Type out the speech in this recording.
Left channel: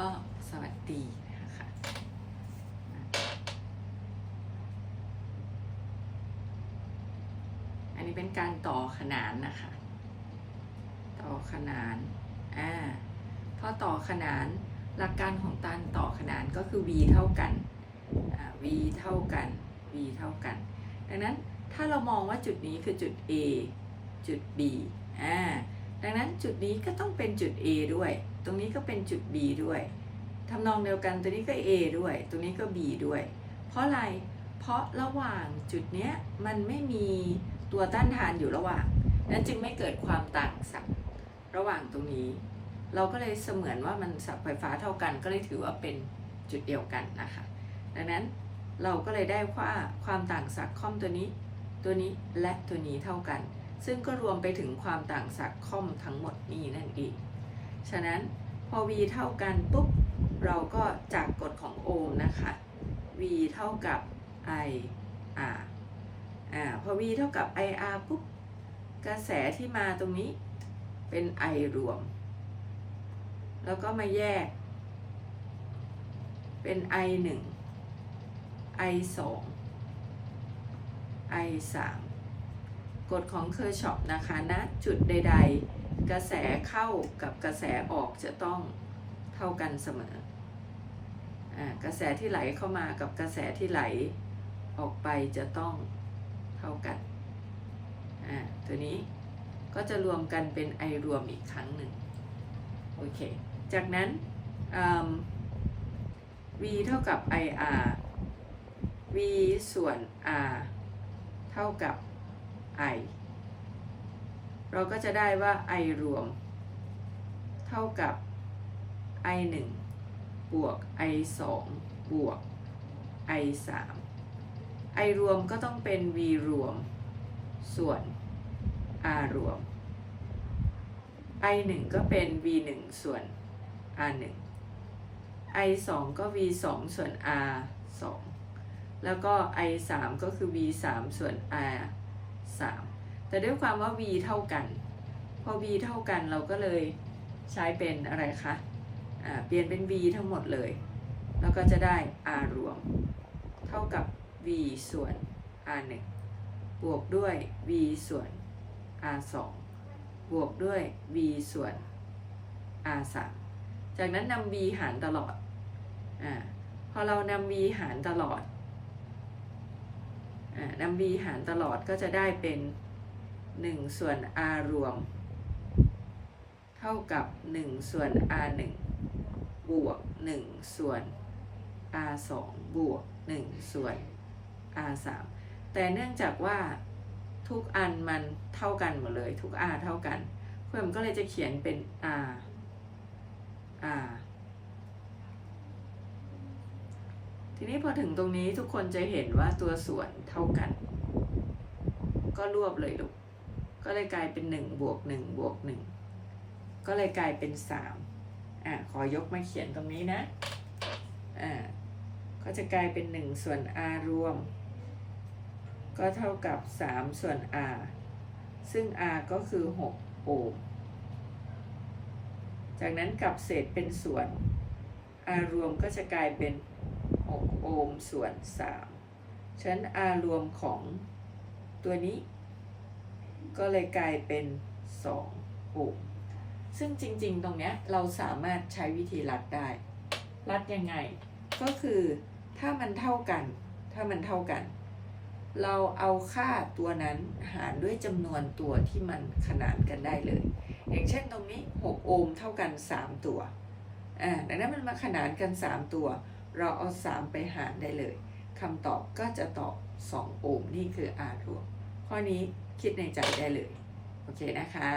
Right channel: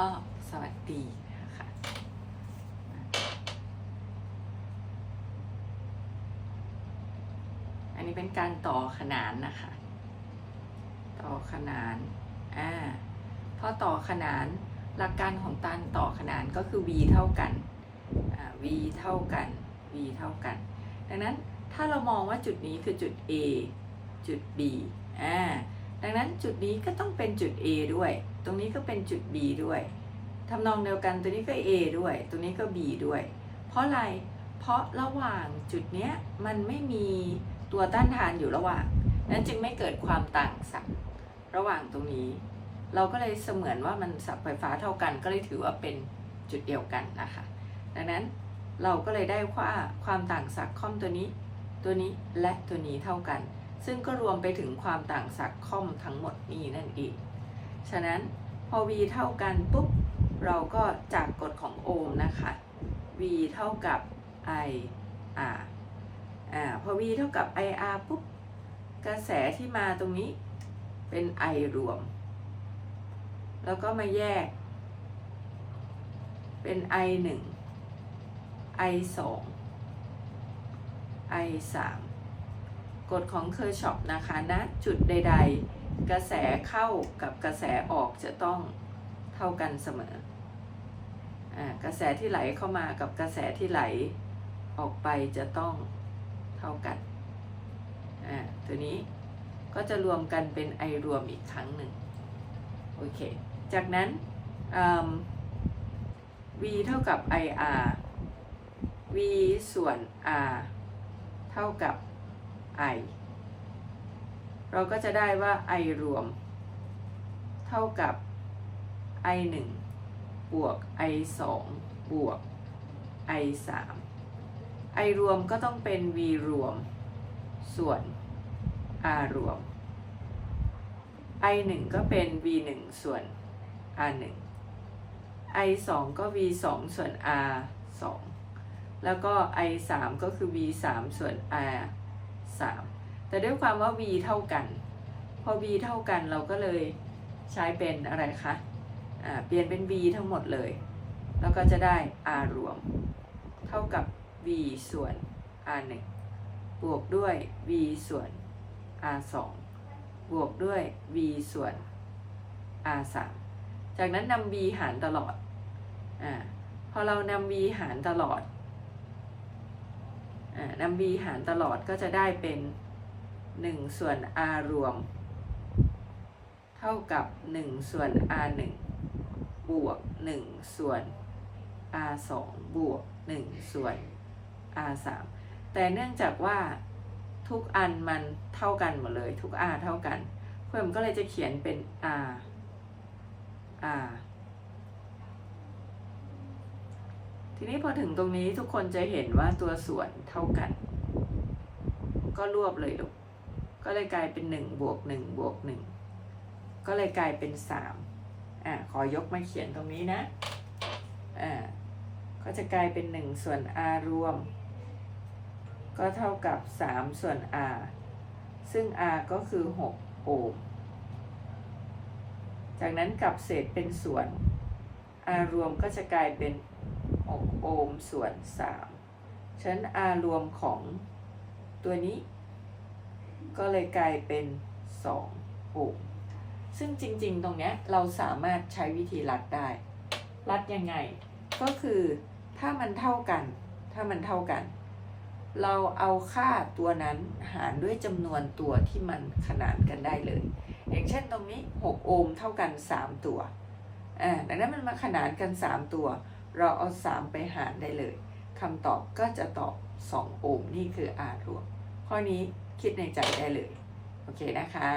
ก็สวัสดีนะคะอันนี้เป็นการต่อขนานนะคะ ต่อขนานอ่าพอต่อขนานหลักการของการต่อขนานก็คือ v เท่ากันอ่า v เท่ากัน v เท่ากัน ดังนั้นถ้าเรามองว่าจุดนี้คือจุด a จุด b อ่าดังนั้นจุดนี้ก็ต้องเป็นจุด A ด้วย ตรงนี้ก็เป็นจุด B ด้วยทำนองเดียวกันตัวนี้ก็ A ด้วยตัวนี้ก็ B ด้วย เพราะอะไร เพราะระหว่างจุดเนี้ยมันไม่มีตัวต้านทานอยู่ระหว่าง นั้นจึงไม่เกิดความต่างศักย์ระหว่างตรงนี้ เราก็เลยเสมือนว่ามันสับไฟฟ้าเท่ากันก็เลยถือว่าเป็นจุดเดียวกันนะคะ ดังนั้นเราก็เลยได้ว่าความต่างศักย์ค่อมตัวนี้ ตัวนี้และตัวนี้เท่ากัน ซึ่งก็รวมไปถึงความต่างศักย์ค่อมทั้งหมดนี้นั่นเอง ฉะนั้นพอ v เท่ากันปุ๊บเราก็จากกฎของโอห์มนะคะ v เท่ากับ i r อ่าพอ v เท่ากับ i r ปุ๊บกระแสที่มาตรงนี้เป็น i รวม แล้วก็มาแยก เป็น i 1 i 2 i 3กฎของเคอร์ชอปนะคะณนะจุดใด ๆ กระแสเข้ากับกระแสออกจะต้องเท่ากันเสมออกระแสที่ไหลเข้ามากับกระแสที่ไหลออกไปจะต้องเท่ากัน ตัวนี้ก็จะรวมกันเป็นไอรวมอีกครั้งหนึ่งโอเค จากนั้น v เท่ากับ ir v ส่วน r เท่ากับ i เราก็จะได้ว่า i รวม เท่ากับ i 1บวก i 2บวก i 3 i รวมก็ต้องเป็น v รวม ส่วน r รวม i 1ก็เป็น v 1ส่วน r 1 i 2ก็ v 2ส่วน r 2แล้วก็ i 3ก็คือ v 3ส่วน r 3 แต่ด้วยความว่า v เท่ากัน พอ v เท่ากันเราก็เลยใช้เป็นอะไรคะอ่าเปลี่ยนเป็น v ทั้งหมดเลย แล้วก็จะได้ r รวม เท่ากับ v ส่วน r 1บวกด้วย v ส่วน r 2บวกด้วย v ส่วน r 3จากนั้นนำ v หารตลอดอ่าพอเรานำ v หารตลอดอ่านำ v หารตลอดก็จะได้เป็น 1 ส่วน r รวม เท่ากับ 1 ส่วน r 1บวก 1 ส่วน r 2บวก 1 ส่วน r 3แต่เนื่องจากว่าทุกอันมันเท่ากันหมดเลย ทุก r เท่ากัน เพื่อนก็เลยจะเขียนเป็น r r ทีนี้พอถึงตรงนี้ทุกคนจะเห็นว่าตัวส่วนเท่ากัน ก็รวบเลยลูก ก็เลยกลายเป็น1บวก1บวก1ก็เลยกลายเป็น3อะขอยกมาเขียนตรงนี้นะอ่าก็จะกลายเป็น 1 ส่วน r รวม ก็เท่ากับ 3 ส่วน r ซึ่ง r ก็คือ 6 โอห์มจากนั้นกลับเศษเป็นส่วน r รวมก็จะกลายเป็น 6 โอห์มส่วน 3 ฉะนั้น r รวมของตัวนี้ ก็เลยกลายเป็น2โอห์มซึ่งจริงๆ ตรงเนี้ยเราสามารถใช้วิธีรัดได้ รัดยังไง ก็คือถ้ามันเท่ากัน ถ้ามันเท่ากัน เราเอาค่าตัวนั้นหารด้วยจำนวนตัวที่มันขนานกันได้เลย อย่างเช่นตรงนี้ 6 โอห์มเท่ากัน 3 ตัวอ่าดังนั้นมันมาขนานกัน 3 ตัว เราเอา 3 ไปหารได้เลยคำตอบก็จะตอบ 2 โอห์มนี่คือ R รวม ข้อนี้คิดในใจได้เลย โอเคนะคะ